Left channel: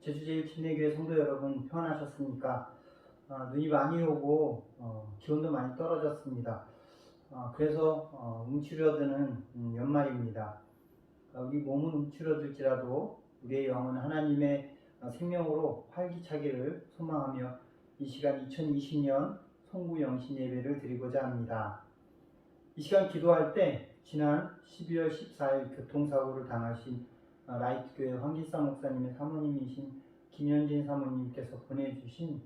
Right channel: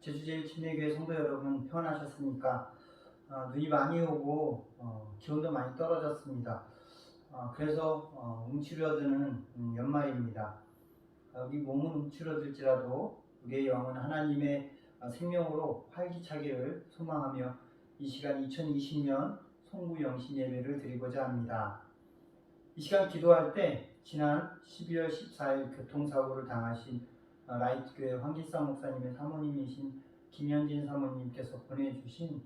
제주제일침례교회 성도 여러분 평안하셨습니까? 눈이 많이 오고 기온도 많이 떨어졌습니다. 그래서 움츠러드는 연말입니다. 우리 몸은 움츠러들지라도 우리의 영은 하나님의 생명으로 활기차기를 소망하며 이 시간 2020년 송구 영신 예배를 드리고자 합니다. 이 시간 기도할 때 지난 12월 14일 교통사고를 당하신 라이트교회 황기상 목사님의 사모님이신 김현진 사모님께서 보내주신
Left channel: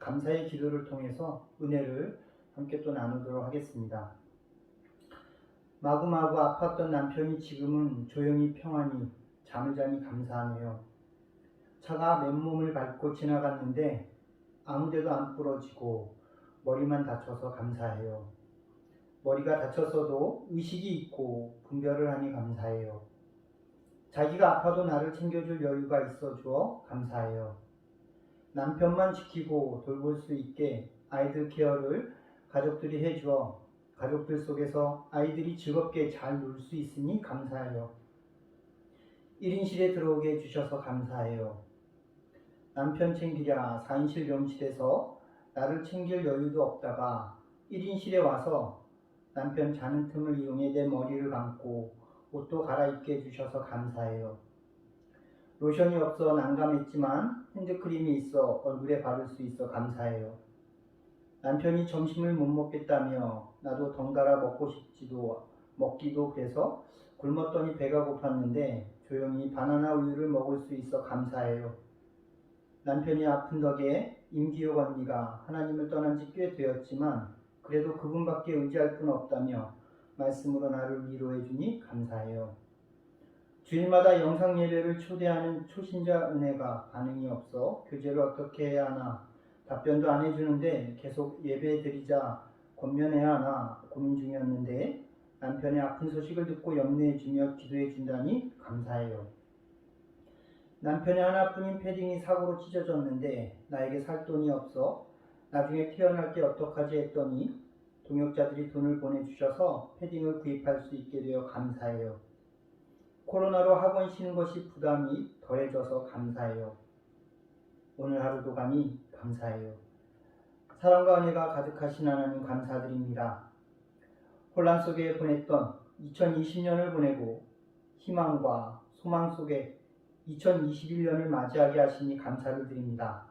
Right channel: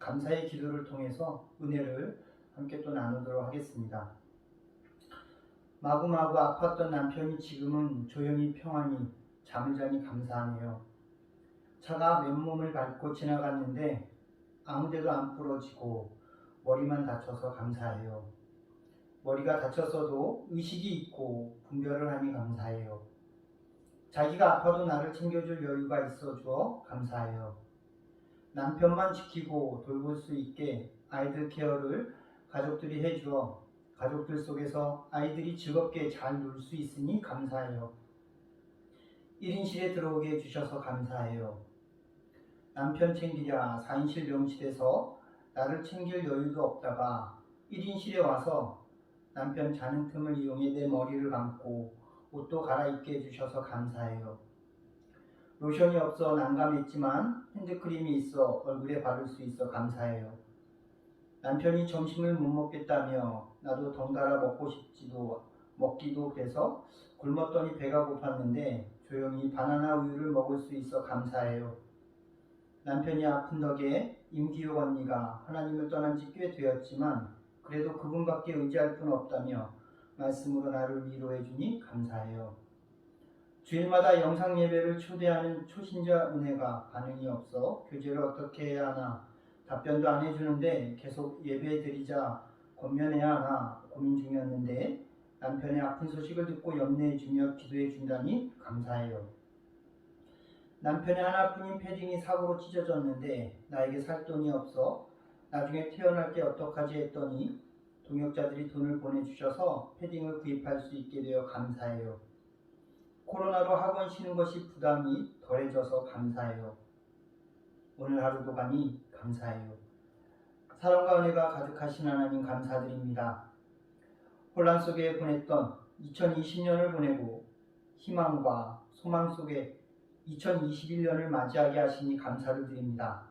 감사의 기도를 통해서 은혜를 함께 또 나누도록 하겠습니다. 마구마구 아팠던 남편이 지금은 조용히 평안히 잠을 자니 감사하네요. 차가 맨몸을 밟고 지나갔는데 아무데도 안 부러지고 머리만 다쳐서 감사해요. 머리가 다쳤어도 의식이 있고 분별을 하니 감사해요. 자기가 아파도 나를 챙겨줄 여유가 있어 주어 감사해요. 남편만 지키고 돌볼 수 있게 아이들 케어를 가족들이 해주어 가족들 속에서 아이들이 즐겁게 잘 놀 수 있으니 감사해요. 1인실에 들어오게 해주셔서 감사해요. 남편 챙기랴 4인실 병실에서 나를 챙길 여유도 없다가 1인실에 와서 남편 자는 틈을 이용해 내 머리를 감고 옷도 갈아입게 해주셔서 감사해요. 로션이 없어 난감했지만 핸드크림이 있어 얼굴에 바를 수 있어 감사해요. 남편이 점심을 못 먹겠다며 나도 덩달아 먹기도 그래서 굶었더니 배가 고팠는데 조용히 바나나 우유를 먹을 수 있어 감사해요. 남편이 아픈 덕에 임기옥 언니가 하나님을 떠난 지 꽤 되었지만 그래도 그분밖에 의지할 분 없다며 말씀으로 나를 위로해 주니 감사해요. 주일마다 영상 예배를 초대하는 초신자 은혜가 반응이 없어 교제를 어떻게 해야 하나 답변도 안 해주는데 계속 예배 드리자 권면해야 하나 고민 중이었는데 남편의 아픈 소식을 듣고 염려해 주며 기도해 준다니 감사해요. 남편의 하나뿐인 패딩이 사고로 찢어졌는데 나에게 살 돈이 없어 나중에 태어날 때 어떡하지 했더니 동역자들이 돈을 보내주셔서 패딩을 구입할 수 있게 되어 감사해요. 코로나로 학원 쉬는 것이 부담이 덜해져서 감사해요. 오늘 하루도 가니 감사해요. 사랑과 은혜가 가득하신 하나님 감사드립니다. 혼란 속에 보냈던 2020년을 보내고 희망과 소망 속에 2021년을 맞이하게 하시니 감사를 드립니다.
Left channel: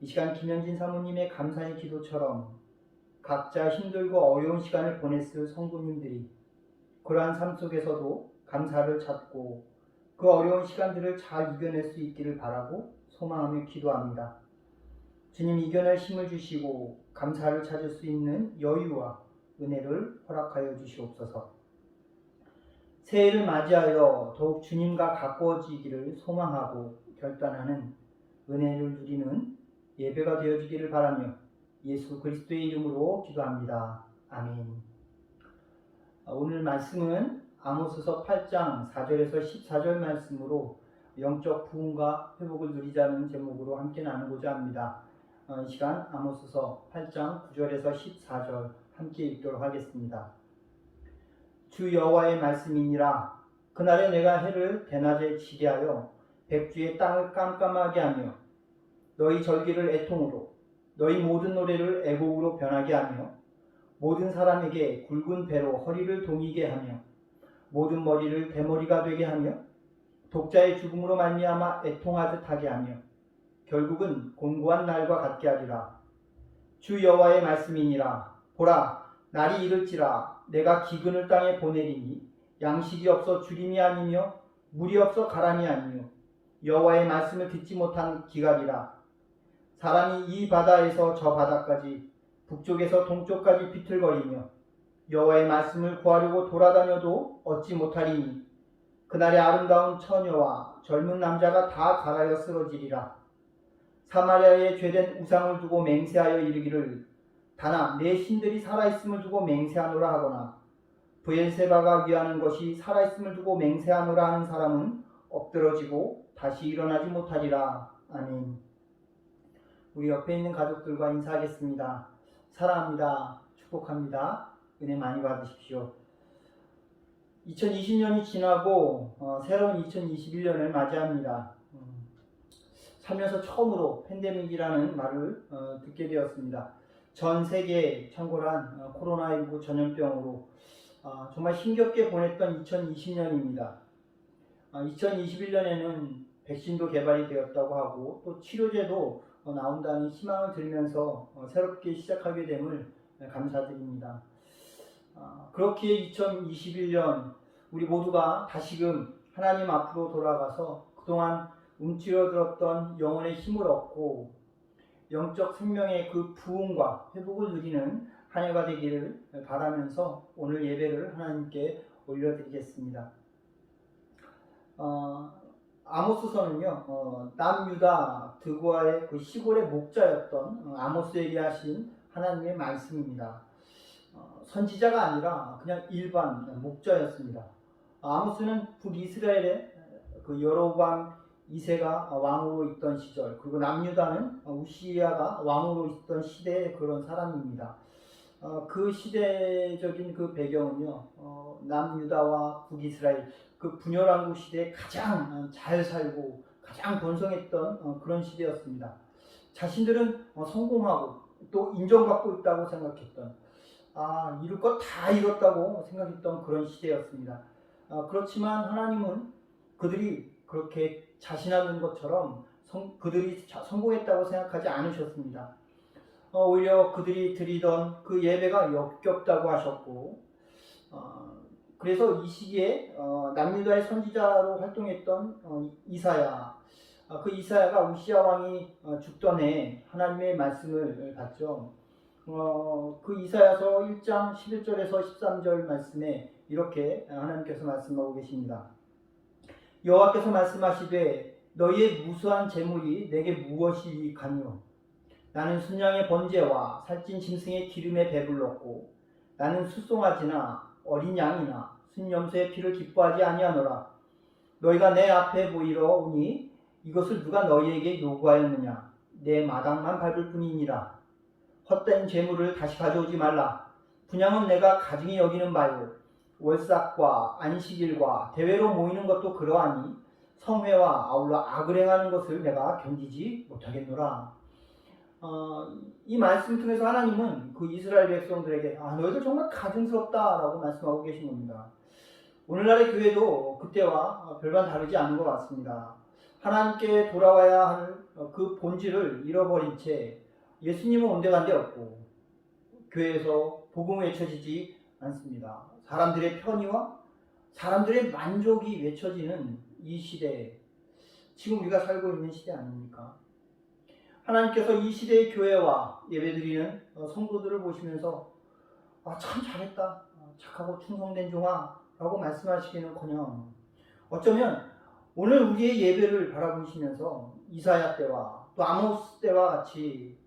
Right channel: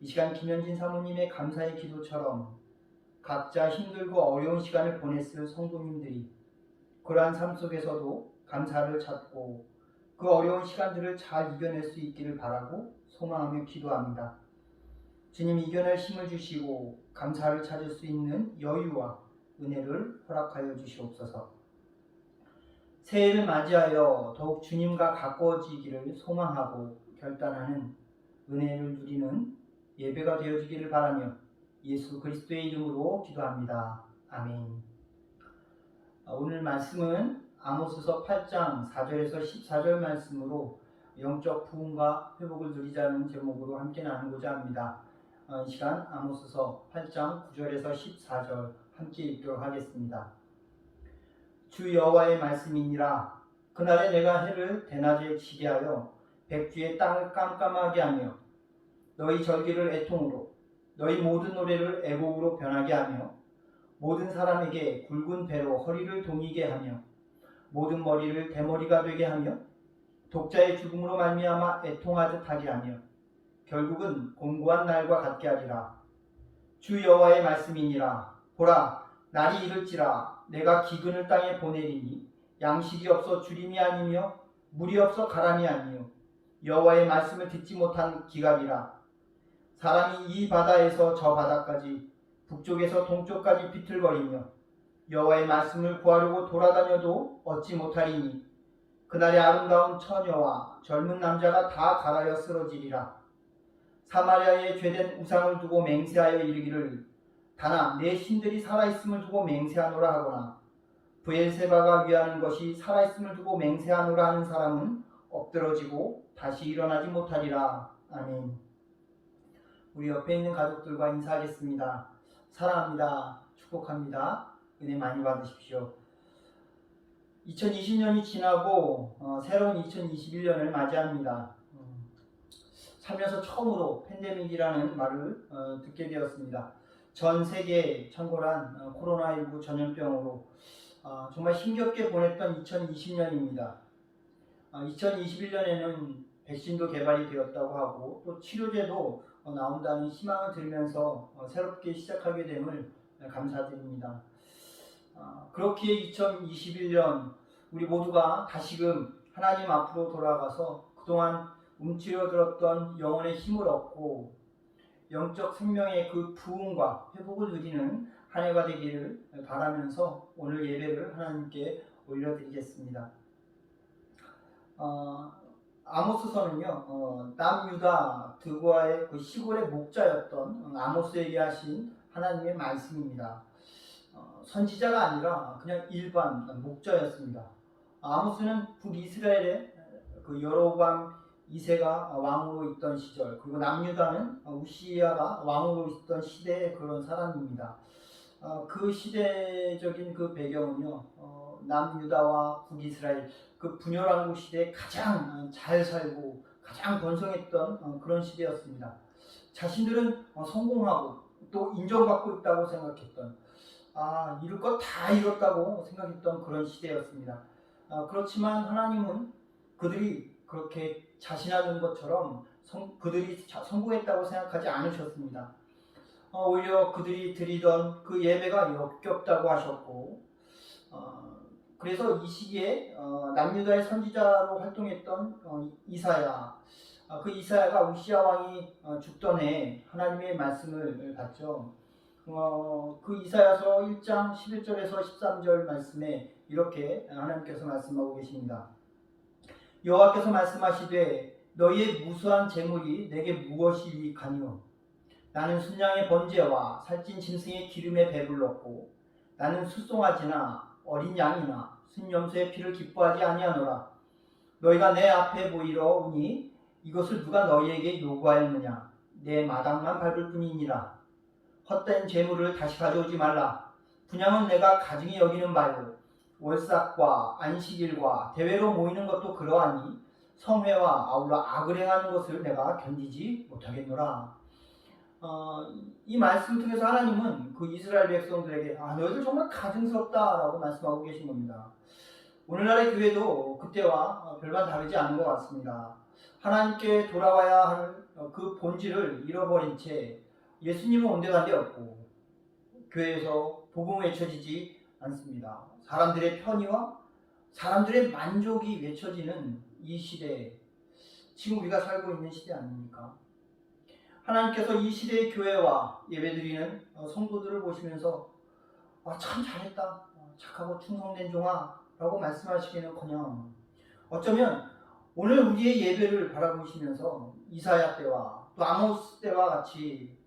이 시간 김현진 사모님의 감사의 기도처럼 각자 힘들고 어려운 시간을 보냈을 성도님들이 그러한 삶 속에서도 감사를 찾고 그 어려운 시간들을 잘 이겨낼 수 있기를 바라고 소망하며 기도합니다. 주님 이겨낼 힘을 주시고 감사를 찾을 수 있는 여유와 은혜를 허락하여 주시옵소서. 새해를 맞이하여 더욱 주님과 가까워지기를 소망하고 결단하는 은혜를 누리는 예배가 되어지기를 바라며 예수 그리스도의 이름으로 기도합니다. 아멘. 오늘 말씀은 아모스서 8장 4절에서 14절 말씀으로 영적 부흥과 회복을 누리자는 제목으로 함께 나누고자 합니다. 이 시간 아모스서 8장 9절에서 14절 함께 읽도록 하겠습니다. 주 여호와의 말씀이니라. 그날에 내가 해를 대낮에 지게 하여 백주의 땅을 깜깜하게 하며 너희 절기를 애통으로 너희 모든 노래를 애곡으로 변하게 하며 모든 사람에게 굵은 배로 허리를 동이게 하며 모든 머리를 대머리가 되게 하며 독자의 죽음으로 말미암아 애통하듯 하게 하며 결국은 곤고한 날과 같게 하리라. 주 여호와의 말씀이니라. 보라, 날이 이를지라. 내가 기근을 땅에 보내리니 양식이 없어 주림이 아니며 물이 없어 가람이 아니요 여호와의 말씀을 듣지 못한 기갈이라. 사람이 이 바다에서 저 바다까지 북쪽에서 동쪽까지 비틀거리며 여호와의 말씀을 구하려고 돌아다녀도 얻지 못하리니 그날의 아름다운 처녀와 젊은 남자가 다 갈아여 쓰러지리라. 사마리아에 죄된 우상을 두고 맹세하여 이르기를 다나 내 신들이 살아있음을 두고 맹세하노라 하거나 브엘세바가 위하는 것이 살아있음을 두고 맹세하노라 하는 사람은 엎드러지고 다시 일어나지 못하리라. 아멘. 우리 옆에 있는 가족들과 인사하겠습니다. 사랑합니다. 축복합니다. 은혜 많이 받으십시오. 2020년이 지나고 새로운 2021년을 맞이합니다. 살면서 처음으로 팬데믹이라는 말을 듣게 되었습니다. 전 세계에 창궐한 코로나19 전염병으로 정말 힘겹게 보냈던 2020년입니다. 2021년에는 백신도 개발이 되었다고 하고 또 치료제도 나온다는 희망을 들으면서 새롭게 시작하게 됨을 감사드립니다. 그렇게 2021년 우리 모두가 다시금 하나님 앞으로 돌아가서 그동안 움츠러들었던 영혼의 힘을 얻고 영적 생명의 그 부흥과 회복을 누리는 한 해가 되기를 바라면서 오늘 예배를 하나님께 올려드리겠습니다. 아모스서는요, 남유다 드고아의 그 시골의 목자였던 아모스에게 하신 하나님의 말씀입니다. 선지자가 아니라 그냥 일반 목자였습니다. 아모스는 북이스라엘의 그 여로보암 2세가 왕으로 있던 시절, 그리고 남유다는 우시야가 왕으로 있던 시대의 그런 사람입니다. 그 시대적인 그 배경은요, 남유다와 북이스라엘 그 분열왕국 시대에 가장 잘 살고 가장 번성했던 그런 시대였습니다. 자신들은 성공하고 또 인정받고 있다고 생각했던, 이룰 것 다 이뤘다고 생각했던 그런 시대였습니다. 그렇지만 하나님은 그들이 그렇게 자신하는 것처럼 그들이 성공했다고 생각하지 않으셨습니다. 오히려 그들이 드리던 그 예배가 역겹다고 하셨고, 그래서 이 시기에 남유다의 선지자로 활동했던 이사야, 그 이사야가 우시야 왕이 죽던 해에 하나님의 말씀을 받죠. 그 이사야서 1장 11절에서 13절 말씀에 이렇게 하나님께서 말씀하고 계십니다. 여호와께서 말씀하시되 너희의 무수한 재물이 내게 무엇이니까요? 나는 순양의 번제와 살찐 짐승의 기름에 배불렀고 나는 숫송아지나 어린 양이나 순염소의 피를 기뻐하지 아니하노라. 너희가 내 앞에 모이러 오니 이것을 누가 너희에게 요구하였느냐? 내 마당만 밟을 뿐이니라. 헛된 재물을 다시 가져오지 말라. 분향은 내가 가증히 여기는 바이고 월삭과 안식일과 대회로 모이는 것도 그러하니 성회와 아울러 악을 행하는 것을 내가 견디지 못하겠노라. 이 말씀을 통해서 하나님은 그 이스라엘 백성들에게 너희들 정말 가증스럽다라고 말씀하고 계신 겁니다. 오늘날의 교회도 그때와 별반 다르지 않은 것 같습니다. 하나님께 돌아와야 하는 그 본질을 잃어버린 채 예수님은 온데간데 없고 교회에서 복음 외쳐지지 않습니다. 사람들의 편의와 사람들의 만족이 외쳐지는 이 시대에 지금 우리가 살고 있는 시대 아닙니까? 하나님께서 이 시대의 교회와 예배드리는 성도들을 보시면서 참 잘했다, 착하고 충성된 종아 라고 말씀하시기는커녕 어쩌면 오늘 우리의 예배를 바라보시면서 이사야 때와 또 아모스 때와 같이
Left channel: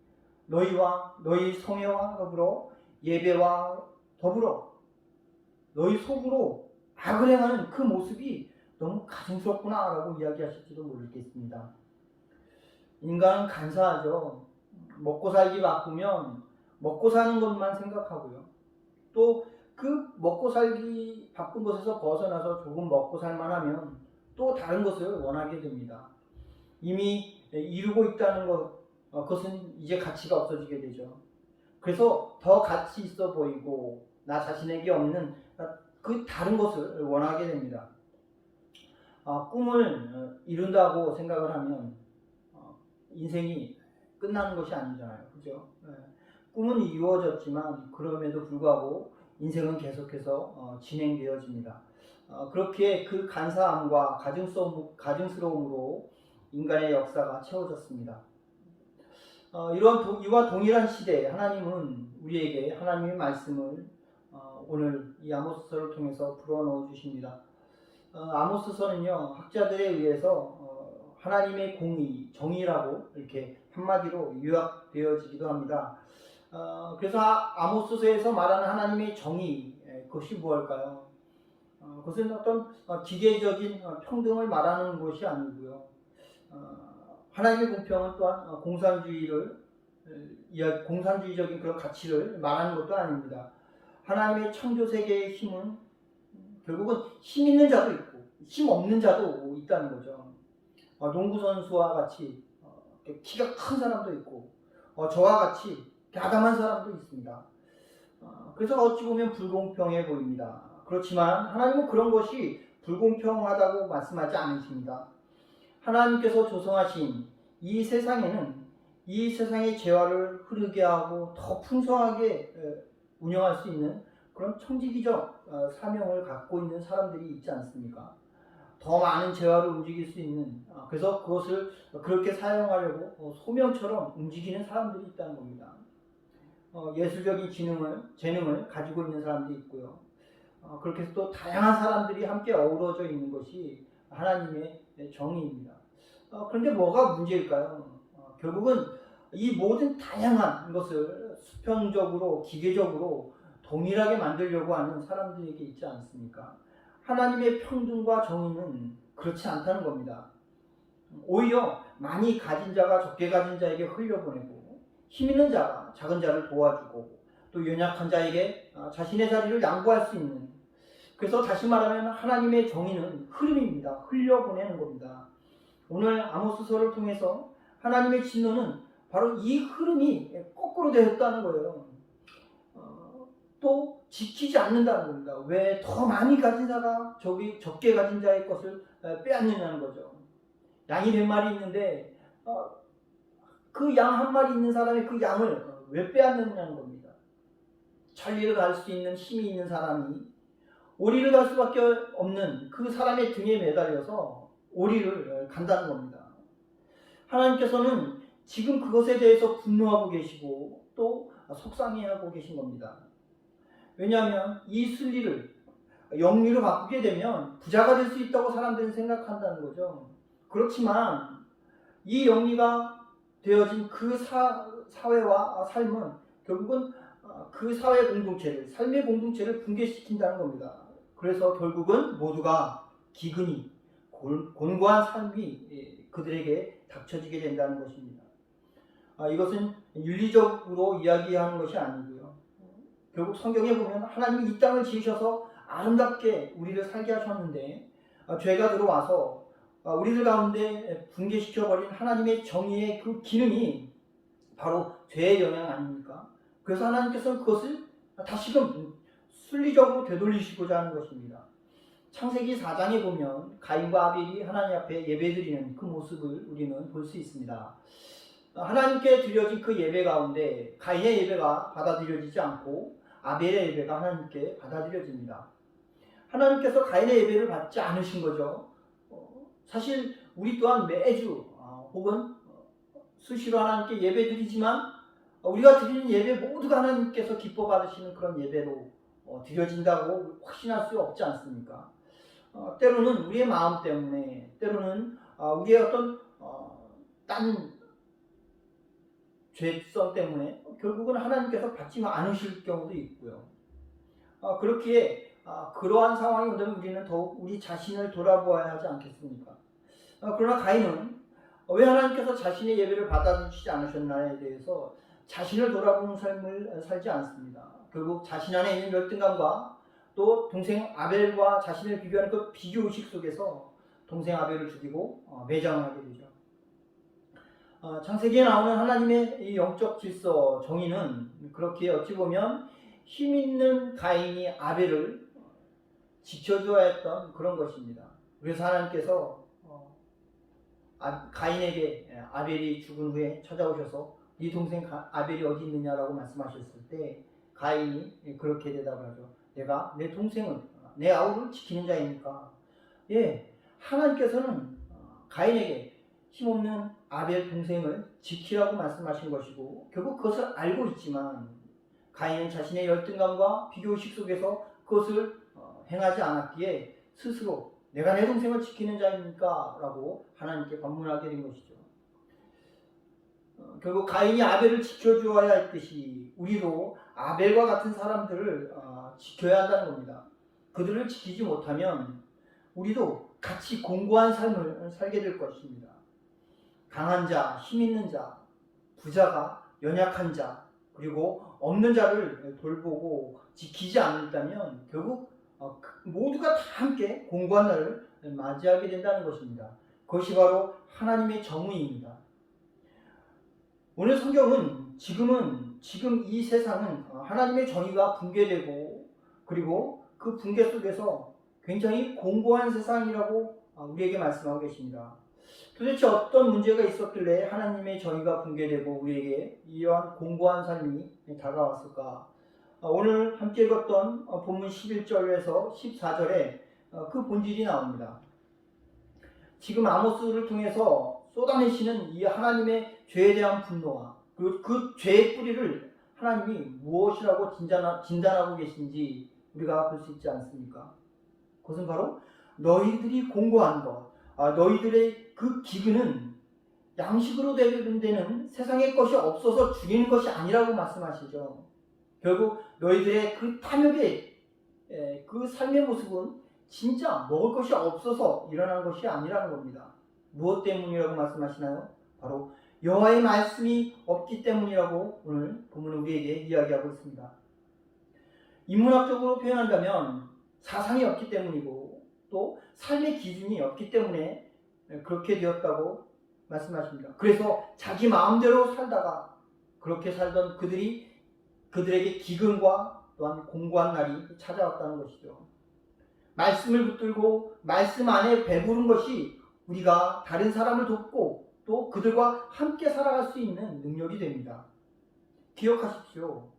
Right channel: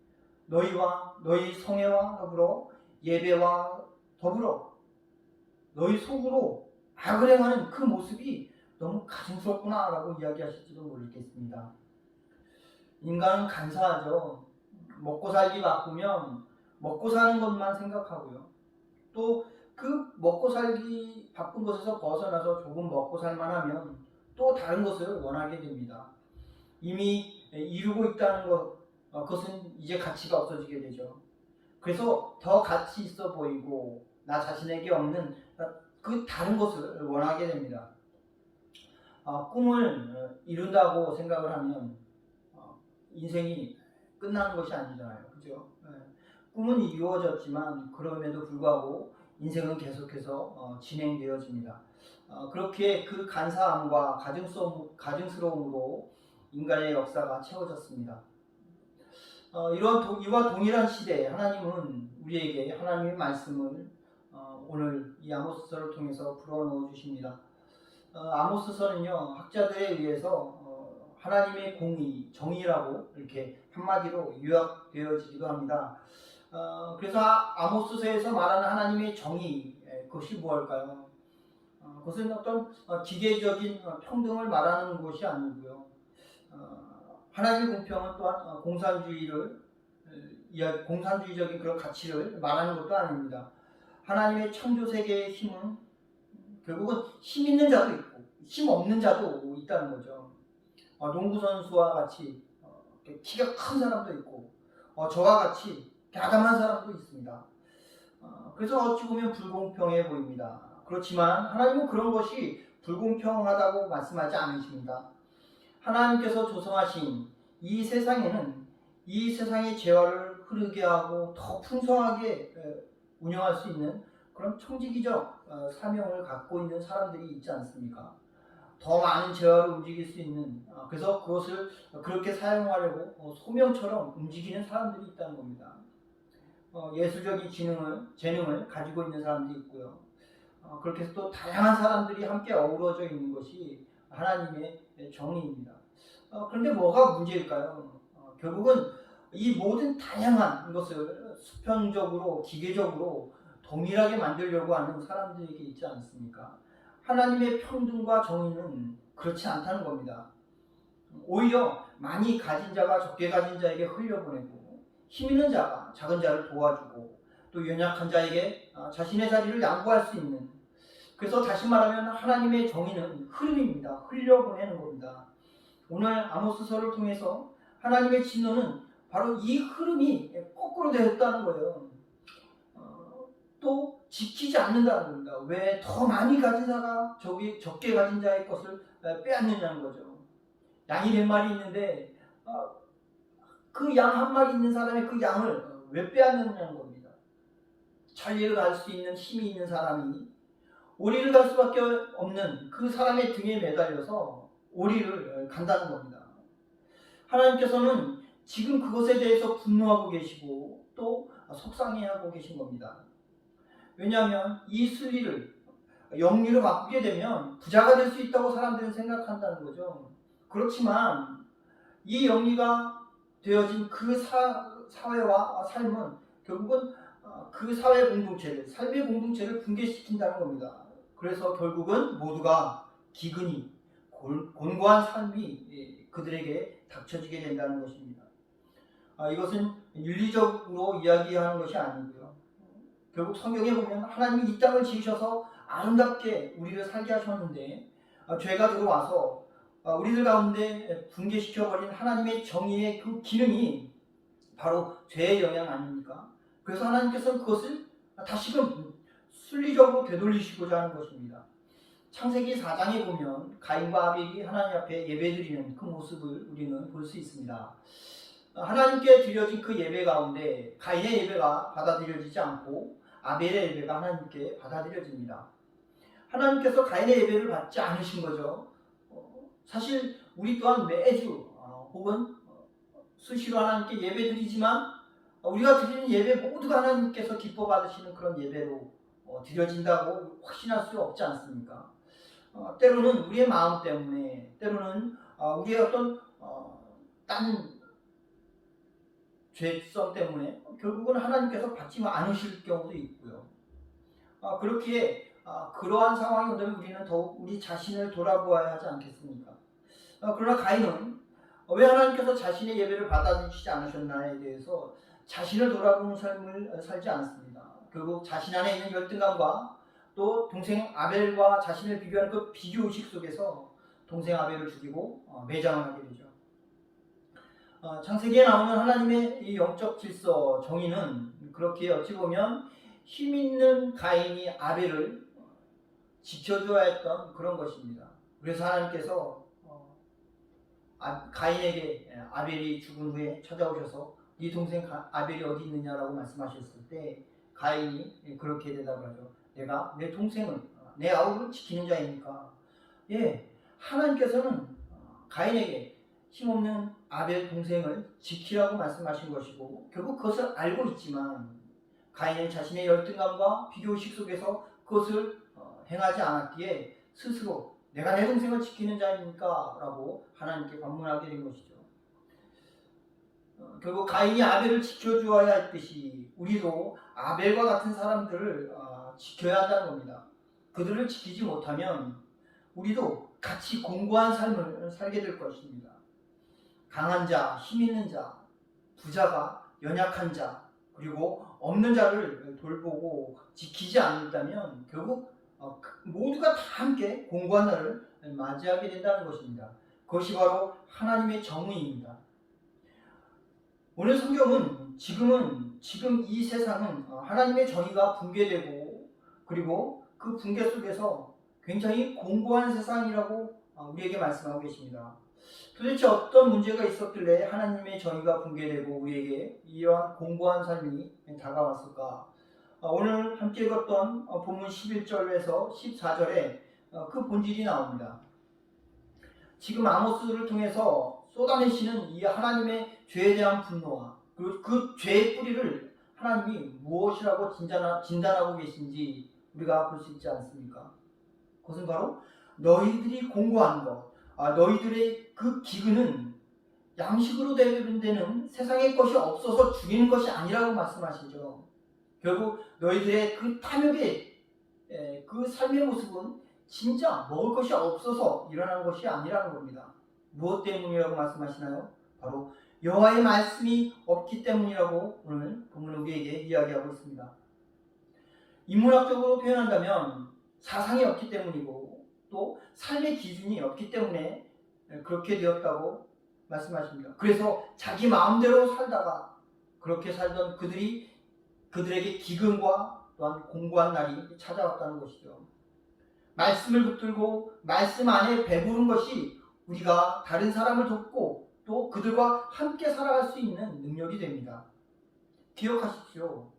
너희와 너희 성회와 더불어 예배와 더불어 너희 속으로 악을 행하는 그 모습이 너무 가증스럽구나 라고 이야기하실지도 모르겠습니다. 인간은 간사하죠. 먹고 살기 바쁘면 먹고 사는 것만 생각하고요. 또 그 먹고 살기 바쁜 것에서 벗어나서 조금 먹고 살만하면 또 다른 것을 원하게 됩니다. 이미 이루고 있다는 그것은 이제 가치가 없어지게 되죠. 그래서 더 가치 있어 보이고 나 자신에게 없는 그 다른 것을 원하게 됩니다. 꿈을 이룬다고 생각을 하면 인생이 끝나는 것이 아니잖아요. 그죠? 꿈은 이루어졌지만 그럼에도 불구하고 인생은 계속해서 진행되어집니다. 그렇게 그 간사함과 가증스러움으로 인간의 역사가 채워졌습니다. 이와 동일한 시대에 하나님은 우리에게 하나님의 말씀을 오늘 이 아모스서를 통해서 불어넣어 주십니다. 아모스서는요, 학자들에 의해서 하나님의 공의, 정의라고 이렇게 한마디로 요약되어지기도 합니다. 그래서 아모스서에서 말하는 하나님의 정의, 그것이 무엇일까요? 그것은 어떤 기계적인 평등을 말하는 것이 아니고요. 하나님의 공평은 또한 공산주의적인 그런 가치를 말하는 것도 아닙니다. 하나님의 창조 세계의 힘은 결국은 힘 있는 자도 있고 힘 없는 자도 있다는 거죠. 농구 선수와 같이 키가 큰 사람도 있고 저와 같이 야담한 사람도 있습니다. 그래서 어찌 보면 불공평해 보입니다. 그렇지만 하나님은 그런 것이 불공평하다고 말씀하지 않으십니다. 하나님께서 조성하신 이 세상에는 이 세상의 재화를 흐르게 하고 더 풍성하게 운영할 수 있는 그런 청지기적 사명을 갖고 있는 사람들이 있지 않습니까? 더 많은 재화를 움직일 수 있는, 그래서 그것을 그렇게 사용하려고 소명처럼 움직이는 사람들이 있다는 겁니다. 예술적인 재능을 가지고 있는 사람들이 있고요. 그렇게 해서 또 다양한 사람들이 함께 어우러져 있는 것이 하나님의 정의입니다. 그런데 뭐가 문제일까요? 결국은 이 모든 다양한 것을 수평적으로 기계적으로 동일하게 만들려고 하는 사람들에게 있지 않습니까? 하나님의 평등과 정의는 그렇지 않다는 겁니다. 오히려 많이 가진 자가 적게 가진 자에게 흘려보내고 힘 있는 자가 작은 자를 도와주고 또 연약한 자에게 자신의 자리를 양보할 수 있는, 그래서 다시 말하면 하나님의 정의는 흐름입니다. 흘려보내는 겁니다. 오늘 아모스서를 통해서 하나님의 진노는 바로 이 흐름이 거꾸로 되었다는 거예요. 또 지키지 않는다는 겁니다. 왜 더 많이 가진 자가 적게 가진 자의 것을 빼앗느냐는 거죠. 양이 100마리 있는데 그 양 한 마리 있는 사람의 그 양을 왜 빼앗느냐는 겁니다. 천리를 갈 수 있는 힘이 있는 사람이 오리를 갈 수밖에 없는 그 사람의 등에 매달려서 오리를 간다는 겁니다. 하나님께서는 지금 그것에 대해서 분노하고 계시고 또 속상해하고 계신 겁니다. 왜냐하면 이 순리를 영리로 바꾸게 되면 부자가 될 수 있다고 사람들은 생각한다는 거죠. 그렇지만 이 영리가 되어진 그 사회와 삶은 결국은 그 사회 공동체를, 삶의 공동체를 붕괴시킨다는 겁니다. 그래서 결국은 모두가 기근이, 곤고한 삶이 그들에게 닥쳐지게 된다는 것입니다. 이것은 윤리적으로 이야기하는 것이 아니고요. 결국 성경에 보면 하나님이 이 땅을 지으셔서 아름답게 우리를 살게 하셨는데 죄가 들어와서 우리들 가운데 붕괴시켜버린 하나님의 정의의 그 기능이 바로 죄의 영향 아닙니까? 그래서 하나님께서는 그것을 다시금 순리적으로 되돌리시고자 하는 것입니다. 창세기 4장에 보면 가인과 아벨이 하나님 앞에 예배드리는 그 모습을 우리는 볼 수 있습니다. 하나님께 드려진 그 예배 가운데 가인의 예배가 받아들여지지 않고 아벨의 예배가 하나님께 받아들여집니다. 하나님께서 가인의 예배를 받지 않으신 거죠. 사실 우리 또한 매주 혹은 수시로 하나님께 예배 드리지만 우리가 드리는 예배 모두가 하나님께서 기뻐 받으시는 그런 예배로 드려진다고 확신할 수 없지 않습니까? 때로는 우리의 마음 때문에, 때로는 우리의 어떤 딴 죄성 때문에 결국은 하나님께서 받지 않으실 경우도 있고요. 그렇기에 그러한 상황이 온다면 우리는 더욱 우리 자신을 돌아보아야 하지 않겠습니까? 그러나 가인은 왜 하나님께서 자신의 예배를 받아주시지 않으셨나에 대해서 자신을 돌아보는 삶을 살지 않습니다. 결국 자신 안에 있는 열등감과 또 동생 아벨과 자신을 비교하는 그 비교의식 속에서 동생 아벨을 죽이고 매장을 하게 되죠. 창세기에 나오는 하나님의 이 영적 질서, 정의는 그렇게 어찌 보면 힘 있는 가인이 아벨을 지켜줘야 했던 그런 것입니다. 그래서 하나님께서 가인에게 아벨이 죽은 후에 찾아오셔서 네 동생 아벨이 어디 있느냐라고 말씀하셨을 때 가인이 그렇게 대답을 하죠. 내가 내 동생을, 내 아우를 지키는 자이니까. 하나님께서는 가인에게 힘없는 아벨 동생을 지키라고 말씀하신 것이고 결국 그것을 알고 있지만 가인은 자신의 열등감과 비교의식 속에서 그것을 행하지 않았기에 스스로 내가 내 동생을 지키는 자입니까? 라고 하나님께 반문하게 된 것이죠. 결국 가인이 아벨을 지켜주어야 했듯이 우리도 아벨과 같은 사람들을 지켜야 한다는 겁니다. 그들을 지키지 못하면 우리도 같이 공고한 삶을 살게 될 것입니다. 강한 자, 힘 있는 자, 부자가 연약한 자, 그리고 없는 자를 돌보고 지키지 않는다면 결국 모두가 다 함께 공고한 날을 맞이하게 된다는 것입니다. 그것이 바로 하나님의 정의입니다. 오늘 성경은 지금 이 세상은 하나님의 정의가 붕괴되고 그리고 그 붕괴 속에서 굉장히 공고한 세상이라고 우리에게 말씀하고 계십니다. 도대체 어떤 문제가 있었길래 하나님의 정의가 붕괴되고 우리에게 이러한 공고한 삶이 다가왔을까? 오늘 함께 읽었던 본문 11절에서 14절에 그 본질이 나옵니다. 지금 아모스를 통해서 쏟아내시는 이 하나님의 죄에 대한 분노와 그 죄의 뿌리를 하나님이 무엇이라고 진단하고 계신지 우리가 볼 수 있지 않습니까? 그것은 바로 너희들이 공고한 것, 너희들의 그 기근은 양식으로 되는 세상의 것이 없어서 죽이는 것이 아니라고 말씀하시죠. 결국 너희들의 그 탐욕의 그 삶의 모습은 진짜 먹을 것이 없어서 일어나는 것이 아니라는 겁니다. 무엇 때문이라고 말씀하시나요? 바로 여호와의 말씀이 없기 때문이라고 오늘 본문은 우리에게 이야기하고 있습니다. 인문학적으로 표현한다면 사상이 없기 때문이고 또 삶의 기준이 없기 때문에 그렇게 되었다고 말씀하십니다. 그래서 자기 마음대로 살다가 그렇게 살던 그들에게 기근과 또한 공고한 날이 찾아왔다는 것이죠. 말씀을 붙들고 말씀 안에 배부른 것이 우리가 다른 사람을 돕고 또 그들과 함께 살아갈 수 있는 능력이 됩니다. 기억하십시오.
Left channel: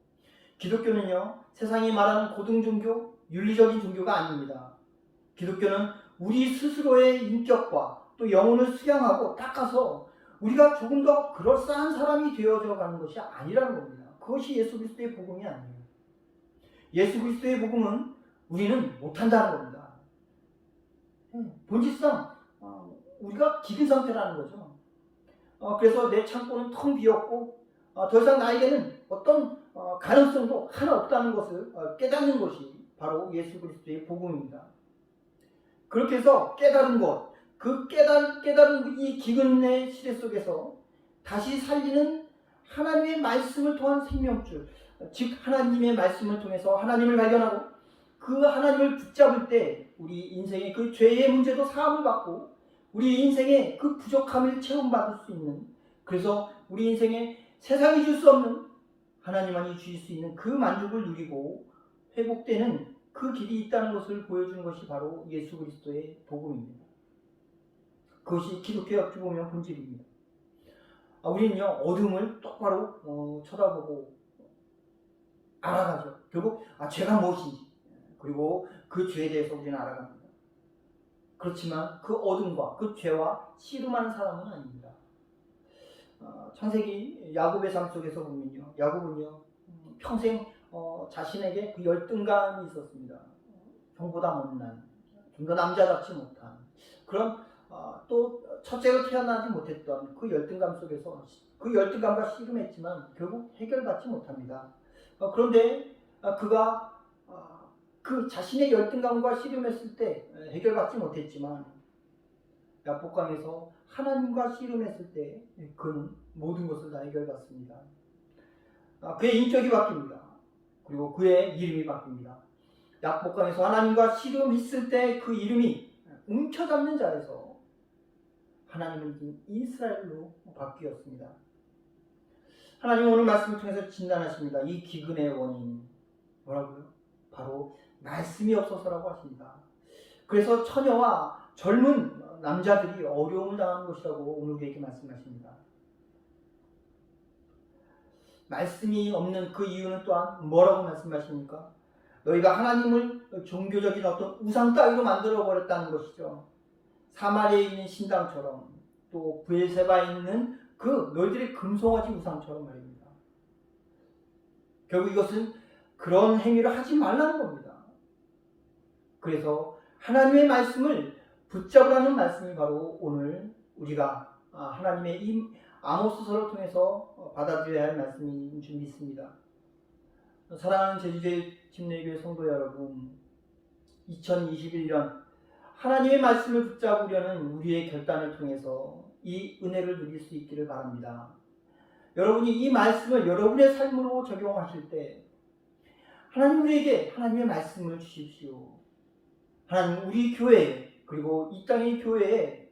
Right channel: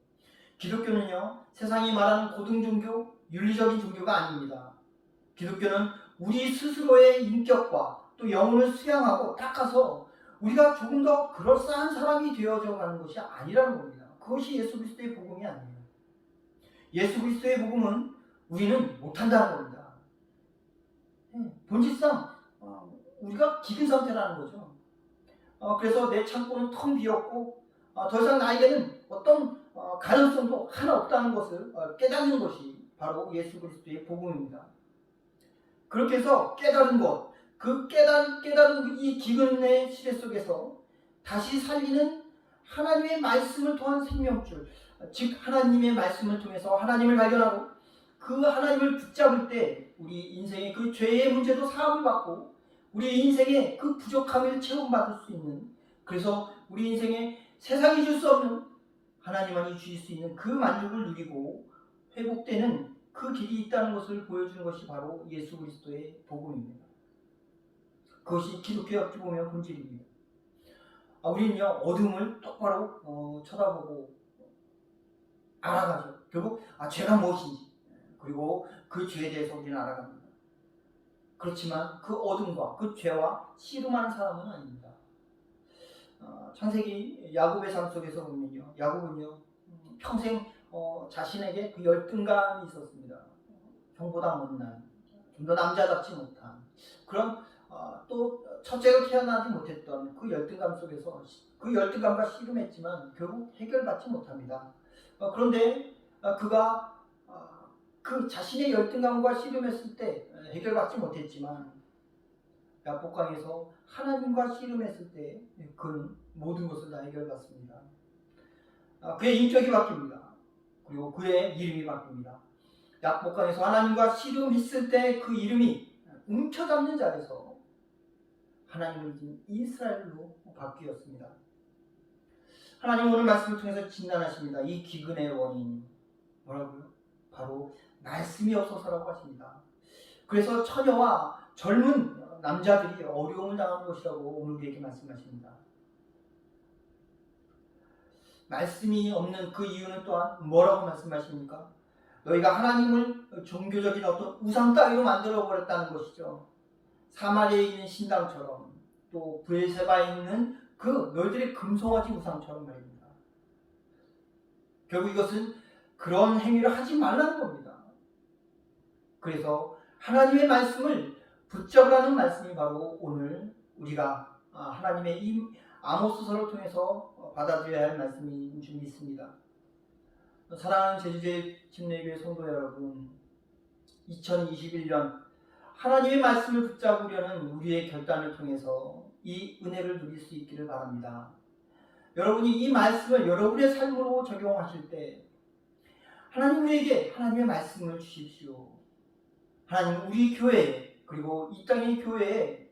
기독교는요, 세상이 말하는 고등종교, 윤리적인 종교가 아닙니다. 기독교는 우리 스스로의 인격과 또 영혼을 수양하고 닦아서 우리가 조금 더 그럴싸한 사람이 되어져 가는 것이 아니라는 겁니다. 그것이 예수 그리스도의 복음이 아니에요. 예수 그리스도의 복음은 우리는 못한다는 겁니다. 본질상 우리가 기근 상태라는 거죠. 그래서 내 창고는 텅 비었고 더 이상 나에게는 어떤 가능성도 하나 없다는 것을 깨닫는 것이 바로 예수 그리스도의 복음입니다. 그렇게 해서 깨달은 것, 그 깨달은 이 기근의 시대 속에서 다시 살리는 하나님의 말씀을 통한 생명줄, 즉 하나님의 말씀을 통해서 하나님을 발견하고 그 하나님을 붙잡을 때 우리 인생의 그 죄의 문제도 사함을 받고 우리 인생의 그 부족함을 체험받을 수 있는, 그래서 우리 인생에 세상이 줄 수 없는 하나님만이 주실 수 있는 그 만족을 누리고 회복되는 그 길이 있다는 것을 보여주는 것이 바로 예수 그리스도의 복음입니다. 그것이 기독교의 어찌 보면 본질입니다. 우리는요, 어둠을 똑바로 쳐다보고 알아가죠. 결국 죄가 무엇인지 그리고 그 죄에 대해서 우리는 알아갑니다. 그렇지만 그 어둠과 그 죄와 씨름하는 사람은 아닙니다. 창세기 야곱의 삶 속에서 보면요, 야곱은요 평생 자신에게 그 열등감이 있었습니다. 형보다 못난, 좀 더 남자답지 못한 그런 또 첫째로 태어나지 못했던 그 열등감 속에서 그 열등감과 씨름했지만 결국 해결받지 못합니다. 그런데 그가 그 자신의 열등감과 씨름했을 때 해결받지 못했지만 야복강에서 하나님과 씨름했을 때 그는 모든 것을 다 해결받습니다. 그의 인격이 바뀝니다. 그리고 그의 이름이 바뀝니다. 야복강에서 하나님과 씨름했을 때 그 이름이 움켜잡는 자에서 하나님을 이긴 이스라엘로 바뀌었습니다. 하나님 오늘 말씀을 통해서 진단하십니다. 이 기근의 원인 뭐라고요? 바로 말씀이 없어서라고 하십니다. 그래서 처녀와 젊은 남자들이 어려움을 당하는 것이라고 오늘 우리에게 말씀하십니다. 말씀이 없는 그 이유는 또한 뭐라고 말씀하십니까? 너희가 하나님을 종교적인 어떤 우상 따위로 만들어버렸다는 것이죠. 사마리아에 있는 신당처럼 또 브엘세바에 있는 그 너희들의 금송아지 우상처럼 말입니다. 결국 이것은 그런 행위를 하지 말라는 겁니다. 그래서 하나님의 말씀을 붙잡으라는 말씀이 바로 오늘 우리가 하나님의 이 아모스서를 통해서 받아들여야 할 말씀인 줄 믿습니다. 사랑하는 제주제 침례교회 성도 여러분, 2021년 하나님의 말씀을 붙잡으려는 우리의 결단을 통해서 이 은혜를 누릴 수 있기를 바랍니다. 여러분이 이 말씀을 여러분의 삶으로 적용하실 때 하나님 우리에게 하나님의 말씀을 주십시오. 하나님 우리 교회 그리고 이 땅의 교회에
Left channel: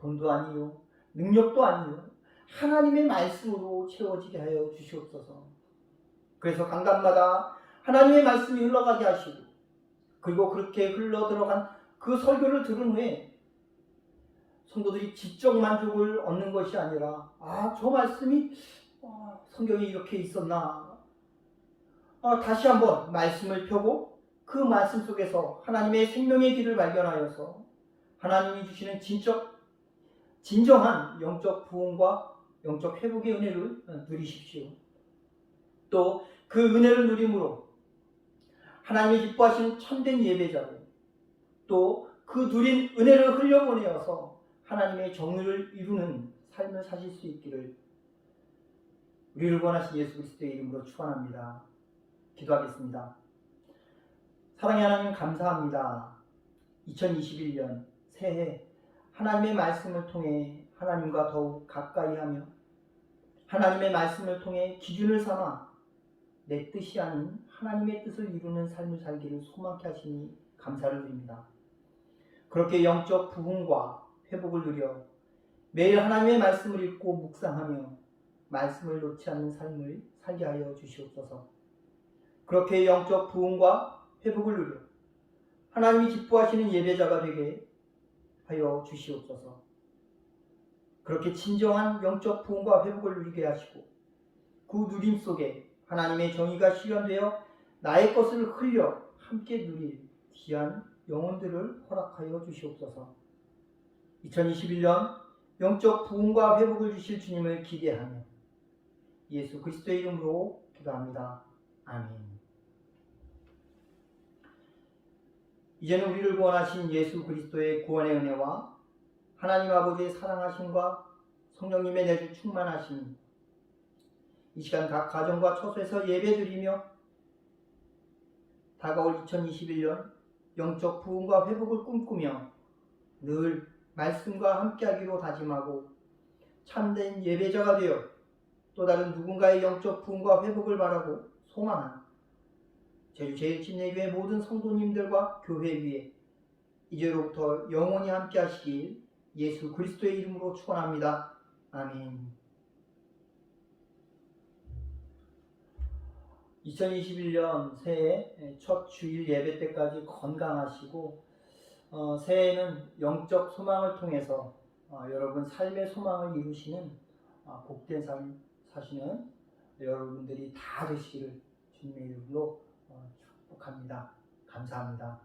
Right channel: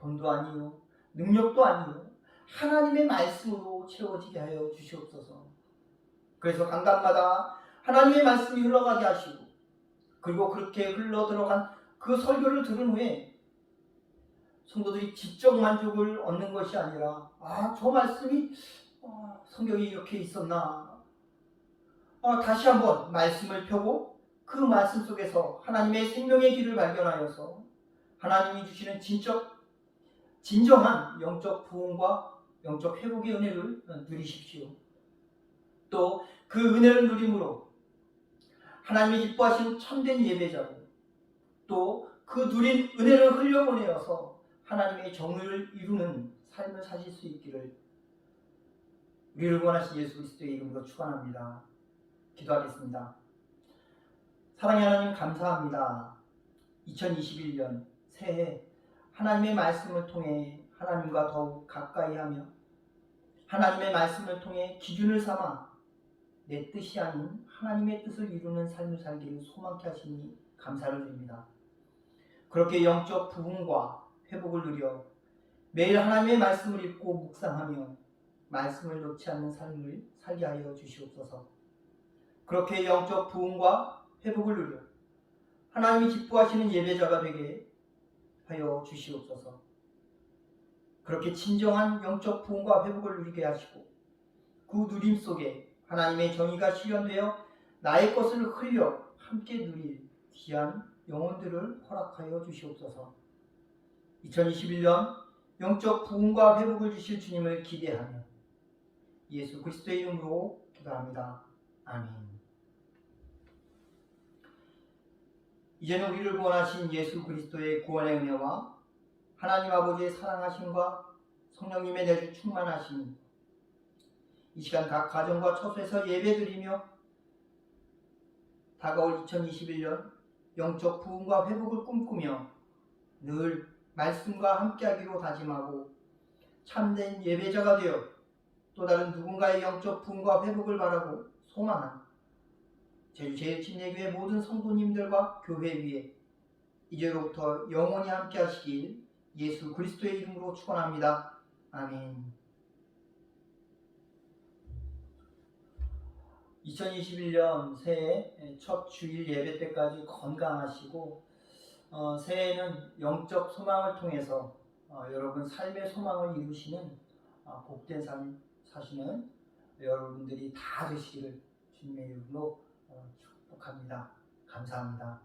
돈도 아니요 능력도 아니요 하나님의 말씀으로 채워지게 하여 주시옵소서. 그래서 강단마다 하나님의 말씀이 흘러가게 하시고, 그리고 그렇게 흘러 들어간 그 설교를 들은 후에 성도들이 지적 만족을 얻는 것이 아니라, 저 말씀이 성경에 이렇게 있었나, 다시 한번 말씀을 펴고 그 말씀 속에서 하나님의 생명의 길을 발견하여서 하나님이 주시는 진정한 영적 부흥과 영적 회복의 은혜를 누리십시오. 또 그 은혜를 누림으로 하나님이 기뻐하시는 참된 예배자고, 또 그 누린 은혜를 흘려보내어서 하나님의 정의를 이루는 삶을 사실 수 있기를 우리를 구원하신 예수 그리스도의 이름으로 축원합니다. 기도하겠습니다. 사랑의 하나님, 감사합니다. 2021년 새해 하나님의 말씀을 통해 하나님과 더욱 가까이 하며 하나님의 말씀을 통해 기준을 삼아 내 뜻이 아닌 하나님의 뜻을 이루는 삶을 살기를 소망케 하시니 감사를 드립니다. 그렇게 영적 부흥과 회복을 누려 매일 하나님의 말씀을 읽고 묵상하며 말씀을 놓지 않는 삶을 살게 하여 주시옵소서. 그렇게 영적 부흥과 회복을 누려 하나님이 기뻐하시는 예배자가 되게 하여 주시옵소서. 그렇게 진정한 영적 부흥과 회복을 누리게 하시고, 그 누림 속에 하나님의 정의가 실현되어 나의 것을 흘려 함께 누릴 귀한 영혼들을 허락하여 주시옵소서. 2021년 영적 부흥과 회복을 주실 주님을 기대하며 예수 그리스도의 이름으로 기도합니다. 아멘. 이제는 우리를 구원하신 예수 그리스도의 구원의 은혜와 하나님 아버지의 사랑하심과 성령님의 내주 충만하심, 이 시간 각 가정과 처소에서 예배드리며 다가올 2021년 영적 부흥과 회복을 꿈꾸며 늘 말씀과 함께하기로 다짐하고 참된 예배자가 되어 또 다른 누군가의 영적 부흥과 회복을 바라고 소망한 제주 제1침례교회 모든 성도님들과 교회 위에 이제로부터 영원히 함께하시길 예수 그리스도의 이름으로 축원합니다. 아멘. 2021년 새해 첫 주일 예배 때까지 건강하시고, 새해에는 영적 소망을 통해서 여러분 삶의 소망을 이루시는 복된 삶 사시는 여러분들이 다 되시기를 주님의 이름으로 축복합니다. 감사합니다.